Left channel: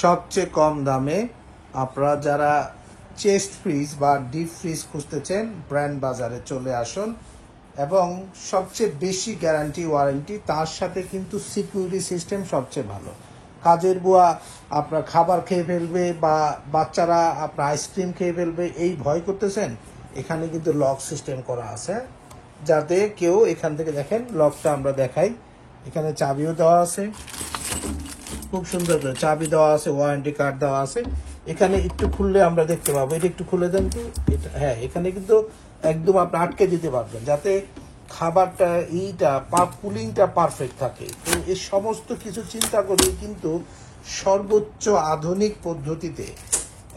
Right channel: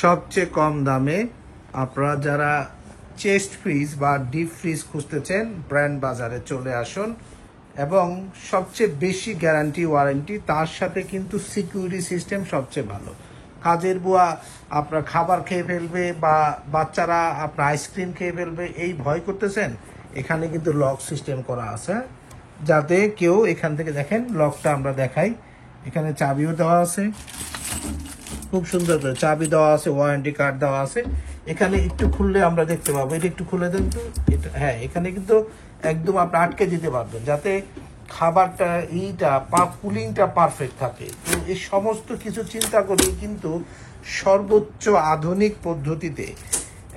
সবচেয়ে কম দামে আপনারা যারা চেস্ট ফ্রিজ বা ডিপ ফ্রিজ খুঁজতেছেন ব্র্যান্ড বাজারে চলে আসুন এবং সবচেয়ে বেশি গ্যারান্টি ওয়ারেন্টি, তার সাথে কিন্তু সিকিউরিটি সিস্টেম সবচেয়ে ভালো। কাজের বুয়া আপনার খাবার খেয়ে ফেলবে বা বাচ্চারা আপনার আইসক্রিম খেয়ে ফেলবে এই ভয় করতেছেন, এখানে কিন্তু লক সিস্টেম করা আছে যাতে কেউ এখান থেকে, দেখেন লকটা আমরা দেখাই, এখানে চাবিও দেওয়া আছে, খুব সুন্দর করে চাবি দেওয়া আছে, ওয়ারেন্টি কার্ড দেওয়া আছে। এখানে একটু খুললে আমরা দেখতে পাবো, এটা একটু খুলে দেন তো, এটা হ্যাঁ, এখানে কিন্তু একদম আপনি আটকে দিতে পারবেন যাতে খাবারটা কুলিংটা পারফেক্ট থাকে। তো এই সমস্ত কিছু চিন্তা করে কিন্তু সর্বোচ্চ আধুনিক পদ্ধতিতে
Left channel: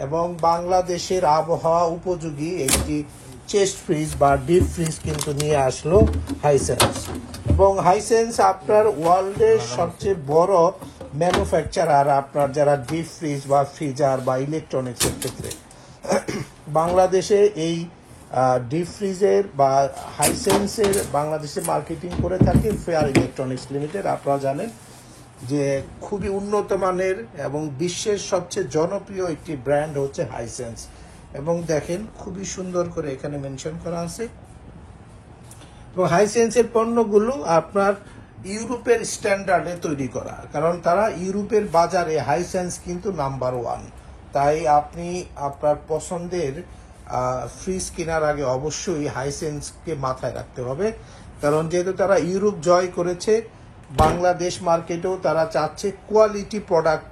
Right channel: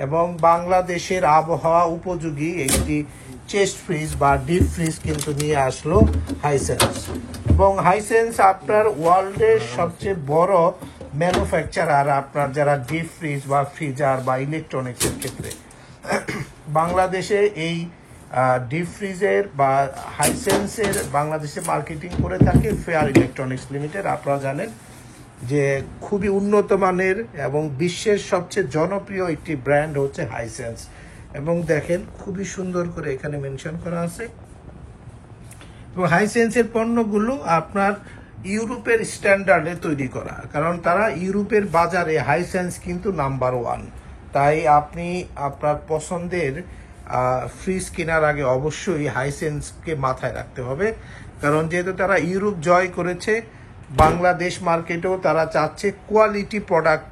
এবং বাংলাদেশের আবহাওয়া উপযোগী একটি চেস্ট ফ্রিজ বা ডিপ ফ্রিজ কিন্তু নিয়ে আসলো হাইসেন্স। এবং হাইসেন্স আপনার ওয়ার্ল্ডের সবচেয়ে বড় ম্যানুফ্যাকচারার আপনার যারা ডিপ ফ্রিজ বা ফ্রিজার বা ইলেকট্রনিক্সের ক্ষেত্রে। বাংলাদেশে এই ডিপ ফ্রিজের বা হাইসেন্সের বাংলাদেশে মার্কেটিং করে থাকে ফেয়ার ইলেকট্রনিক্স লিমিটেড। আপনারা জানেন যে খুবই উন্নত মানের এবং বিশ্বের সবচেয়ে জনপ্রিয় একটি ব্র্যান্ড হচ্ছে হাইসেন্স। এবং দেখেন খুবই সুন্দর করে এখানে মেনশন করা আছে। এবং হাইসেন্সের পণ্যগুলো আপনার ইউরোপের স্ট্যান্ডার্ডে তৈরি করা, কারণ তারা ইউরোপের বাজারে হাইসেন্স কিন্তু নাম্বার 1। তাই আপনি আপনার পছন্দের ফ্রিজ কেনার আগে অবশ্যই হাইসেন্সকে মাথায় রাখতে হবে, কারণ যেহেতু তারা ইউরোপ জয় করেছে, বাংলাদেশ মার্কেটেও তারা চাচ্ছে কোয়ালিটি প্রোডাক্ট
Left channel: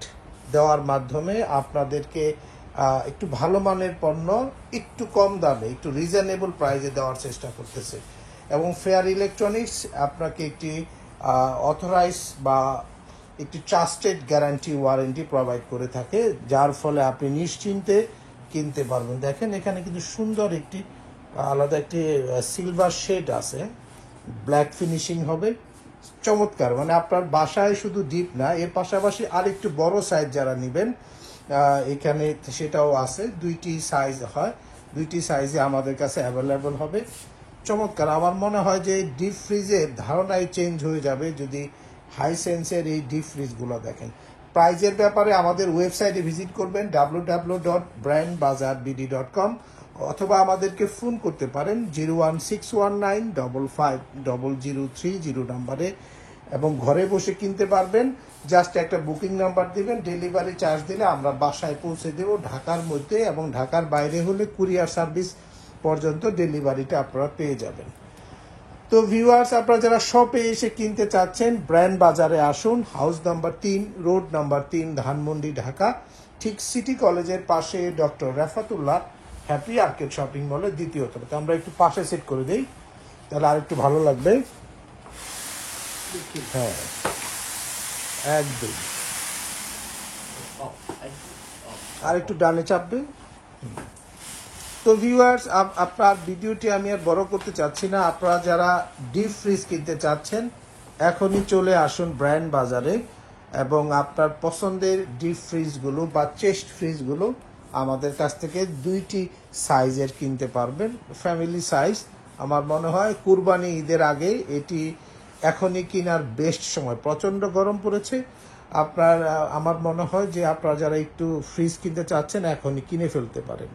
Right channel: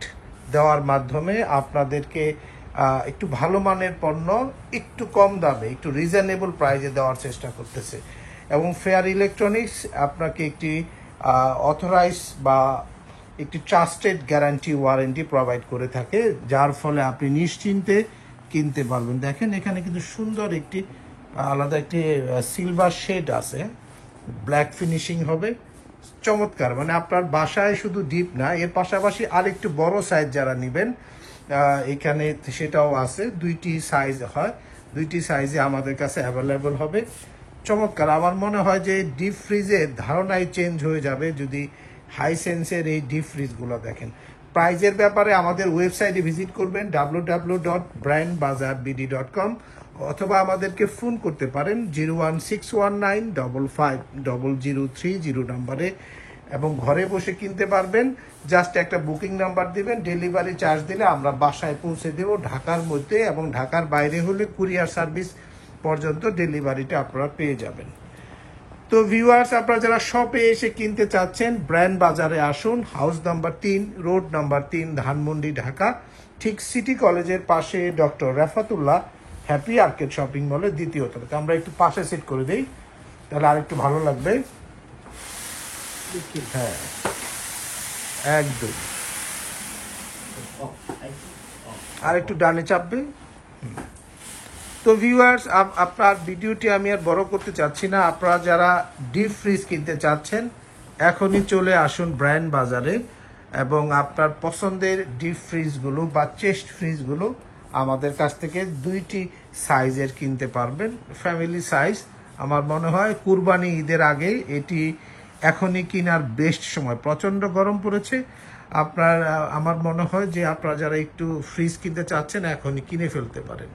দেওয়ার মাধ্যমে আপনাদেরকে একটু ভালো মানের পণ্য একটু কম দামে, একটু রিজনেবল প্রাইসে দেওয়ার চেষ্টা করতেছে। এবং ফেয়ার ইলেকট্রনিক্স আপনাকে একটি অথরাইজ বা একটি ট্রাস্টেড গ্যারান্টি ওয়ারেন্টি প্রোভাইড করে থাকে, যার ফলে আপনি নিশ্চিন্তে কিনতে পারবেন। দেখেন এখানে কিন্তু সুন্দর একটি আলাদা একটি সিলভার শেড আছে, ব্ল্যাক ফিনিশিং হবে, চমৎকার। মানে আপনার বাসায় শুধু ডিপ না, এর পাশাপাশি আরেকটু বড় সাইজ যারা নেবেন এখানে সেটাও আছে। দুইটি সাইজ হয়, দুইটি সাইজে আমাদের কাছে অ্যাভেলেবল হবে। চমৎকার। আমার মনে হয় যে ডিপ ফ্রিজের ধারণাই চেঞ্জ হয়ে যাবে যদি হাইসেন্সের এই ডিপ ফ্রিজগুলো দেখেন। প্রাইজের ব্যাপারে আমাদের ওয়েবসাইটে ভিজিট করবেন www.brandbazarbd.com, অথবা আমাদেরকে ফোন করতে পারেন 01619550030 নম্বরে, এবং ঘরে বসে কিনতে পারবেন। জাস্ট একটা বুকিং নাম্বার দিবেন, ডেলিভারি চার্জ দিলে আমরা বাসায় পৌঁছে দেব ঢাকার মধ্যে, এবং ঢাকার বাইরে হলে কুরিয়ার সার্ভিস পর্যন্ত ডেলিভারিটা আপনারা পেয়ে যাবেন। তো ভিউয়ার্স, আপনারা যারা শপে এসে কিনতে চাচ্ছেন ব্র্যান্ড বাজারে আসুন, house number 3, road number 3, Dhanmondi, Dhaka, ঠিক সিটি কলেজের পাশে doctor Rafatullah happy arcade shopping মলের দ্বিতীয় তলাতে। আমরা একটু পাশে সেট করে দেই, তাহলে আরেকটু ভালো লাগবে। হ্যাঁ একদম, আর একটু ডানে চাপবে। তো ভিউয়ার্স, আপনার ভিডিওটি আমি আর বড় করতে চাচ্ছি না। আপনারা যারা ডিপ ফ্রিজ কিনতে চাচ্ছেন এখনই চলে আসুন ব্র্যান্ড বাজারে, এবং আপনার পছন্দের ডিপ ফ্রিজগুলো বা চেস্ট ফ্রিজগুলো আমাদের কাছ থেকে দুইটি সাইজের কিনতে পারবেন। ফ্যামিলি সাইজ, আমার মনে হয় কুরবানি ঈদের আগে এটি এখনই কেনার বেস্ট সময়। প্রচণ্ড গরম পড়েছে, আমার মনে হয় যে আপনারা যারা একটু ফ্রিজ কিনতে চাচ্ছেন এখনই কিনে ফেলতে পারেন।